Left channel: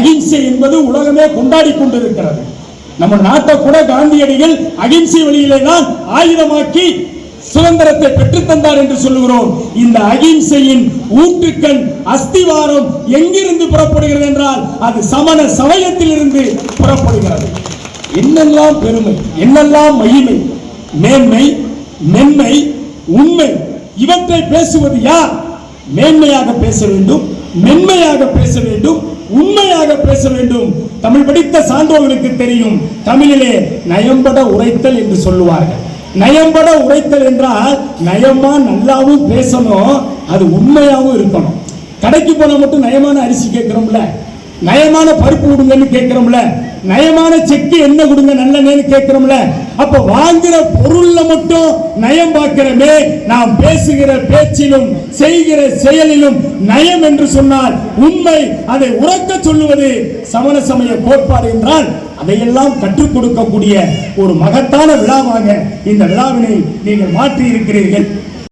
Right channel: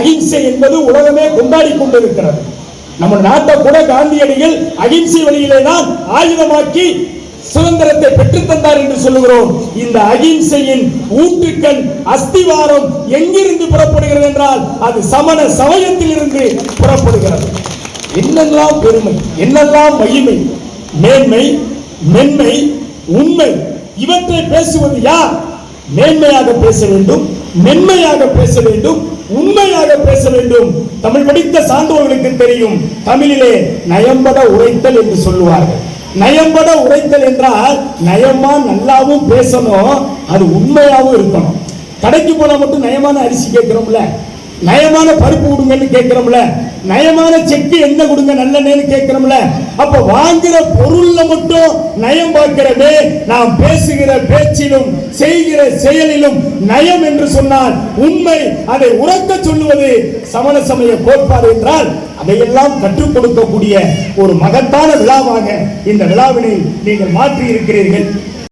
அகிம்சை என்பது உலகமே கொண்டாடி கொண்டிருக்கிறது. நம்ம நாட்டை கூட காந்தியடிகள் அகிம்சை வழியிலே தான் ஆயுதமாக்கி சுதந்திரத்தை பெற்றுத் தந்தார் என்று சொல்லுகிறோம். இந்த அகிம்சையின் ஊற்றுக்கண் அஸ்திவாரம் எங்கிருந்து புறப்படுகிறது என்றால் அது சமண சமயத்தில் இருந்து புறப்படுகிறது. என்னெல்லாம் பெருமை என்னெல்லாம் மகிமை மேன்மை மென்மை உண்மை இவற்றை பேசுவது யார்? மேன்மையாக பேச வேண்டும். மென்மையாக பேச வேண்டும் உண்மையாக பேச வேண்டும். தமிழ் படித்த சான்றவர்களுக்கு தெரியும் தமிழிலே நயம்பட உரைத்தல் என்று சொல்லுவார்கள். நயம்பட உரைத்தல் என்றால் நயமா நல்லாவும் பேசணும் அது உண்மையாவும் இருக்கணும். கடைக்கு போனா மட்டும் நயமான அரிசி கேட்கிறோம்ல நயமான பருப்பு கொடுங்கன்னு கேட்கிறோம்ல. நயமான செக்கு என்ன கொடுங்க நல்லெண்ணெய்னு கேட்கிறோம்ல. அப்ப வாங்குற பொருள்ல மட்டும் நயம் பார்க்கிறமே. நாம் பேசுகிற பேச்சிலும் செய்கிற செயலிலும் நயம் என்று சொன்னால் உண்மை. அதை உறக்க சொல்லுவது சமண சமய கோட்பாடு என்றால் அதையெல்லாம் கற்றுக் கொடுக்கக்கூடிய ஒரு மகத்தான விழாவாக இந்த விழாவினை நீங்கள் மாற்றி இருக்கிறீர்கள்